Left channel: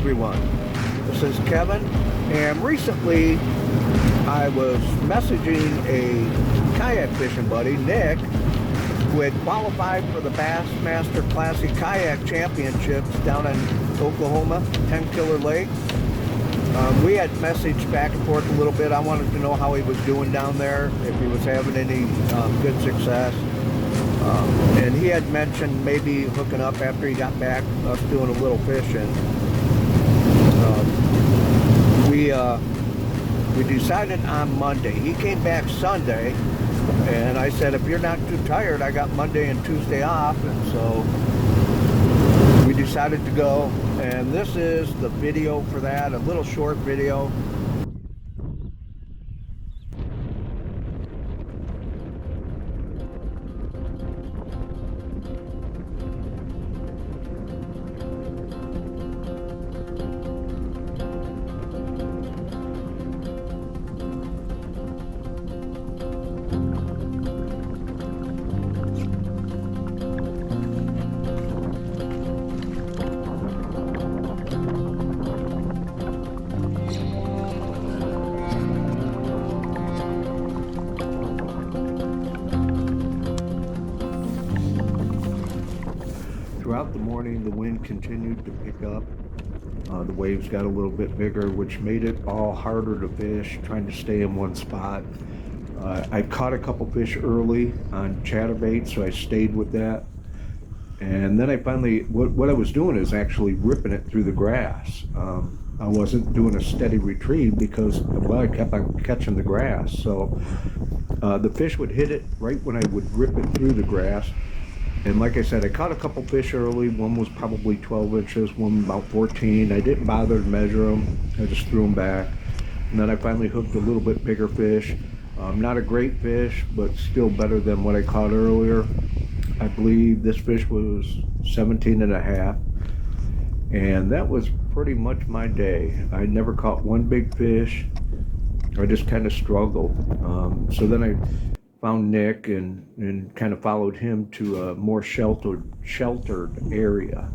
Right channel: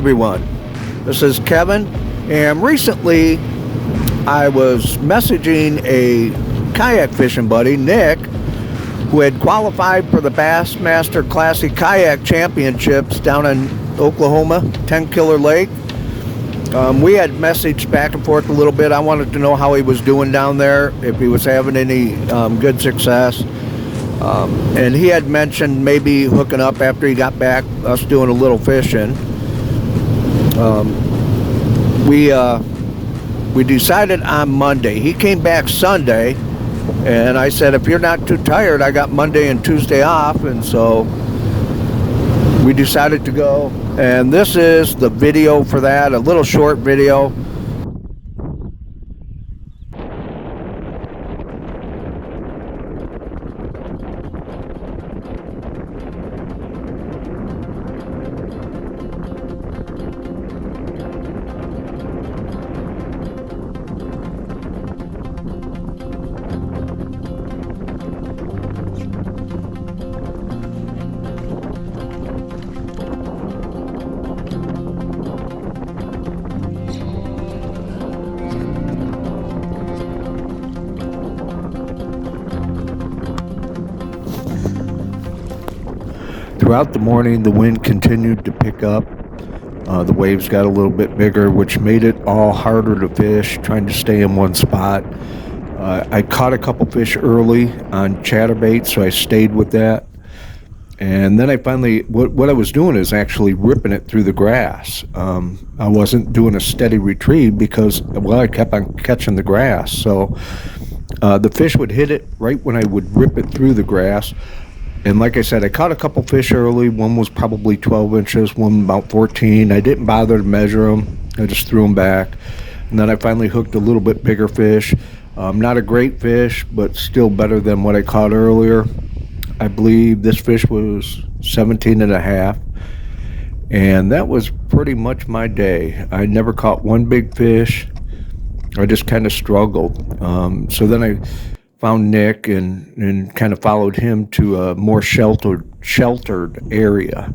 everyone, this is Kevin, and recently I was messaging a kayak fishing buddy, Nick, who had qualified for the Bassmaster Classic Kayak Championships down in Oklahoma, 10 Killer Lake. We had messaged back and forth a little bit. I wanted to know how he was doing down there, if he was having any good success. And he had mentioned maybe hooking up after he got back, us doing a little fishing. We decided on Monday. He came back Sunday, and I said, if you're not too tired, I got Monday and Tuesday off, and so we decided to go. And this is the video for that, a little short video. Throughout the morning, the wind continued to pick up. The waves got a little bit bigger, which made it all harder to fish, trying to stay in one spot. I caught a couple fish early on chatterbait, so I stayed with that. And then I finally, what I was doing is actually ripping it through the grass. I wasn't doing a steady retrieve because, well, I kept on catching the grass. So the fish would hit it right when I would rip it through the grass. And like I said, I caught a couple fish early. One was probably 12 inches, one about 14. I didn't bother to measure them. I just threw them back. And then I finally hooked a little bit bigger fish. Not a great fish, but still better than what I caught earlier. I believe this fish was 17 and a half. And that was pretty much my day. I never caught one big fish. I just kind of struggled. So then I found Nick and kind of followed him to a more sheltered area.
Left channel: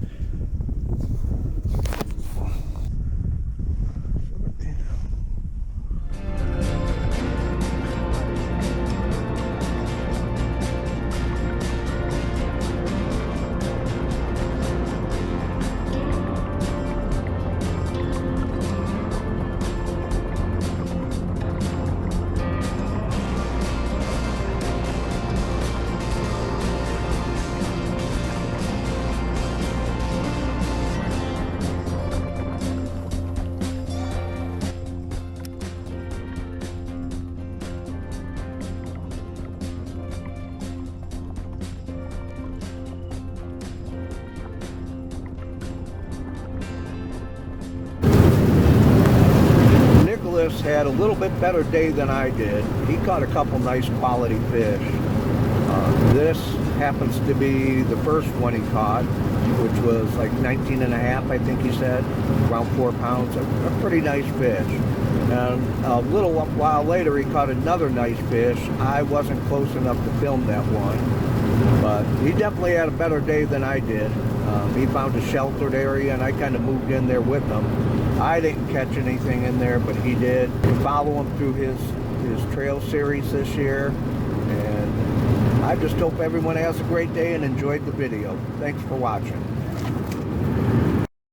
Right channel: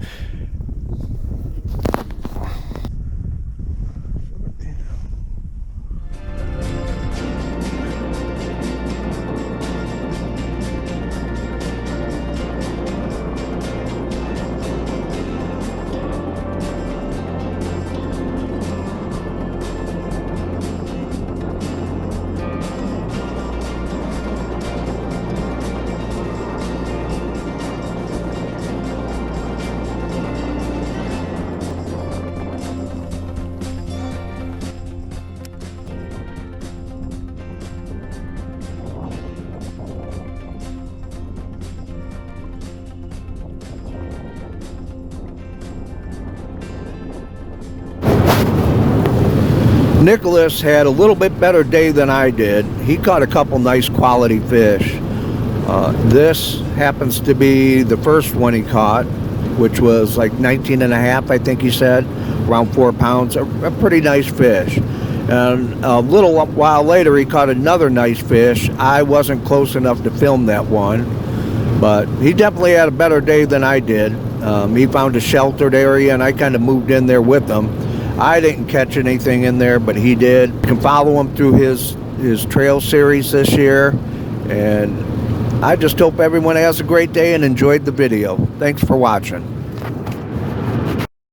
Nicholas had a little bit better day than I did. He caught a couple nice quality fish. This happens to be the first one he caught, which was like 19 and a half, I think he said, around 4 pounds, a pretty nice fish. And a little while later, he caught another nice fish. I wasn't close enough to film that one, but he definitely had a better day than I did. He found a sheltered area, and I kind of moved in there with him. I didn't catch anything in there, but he did. You can follow him through his trail series this year, and I just hope everyone has a great day and enjoyed the video. Thanks for watching.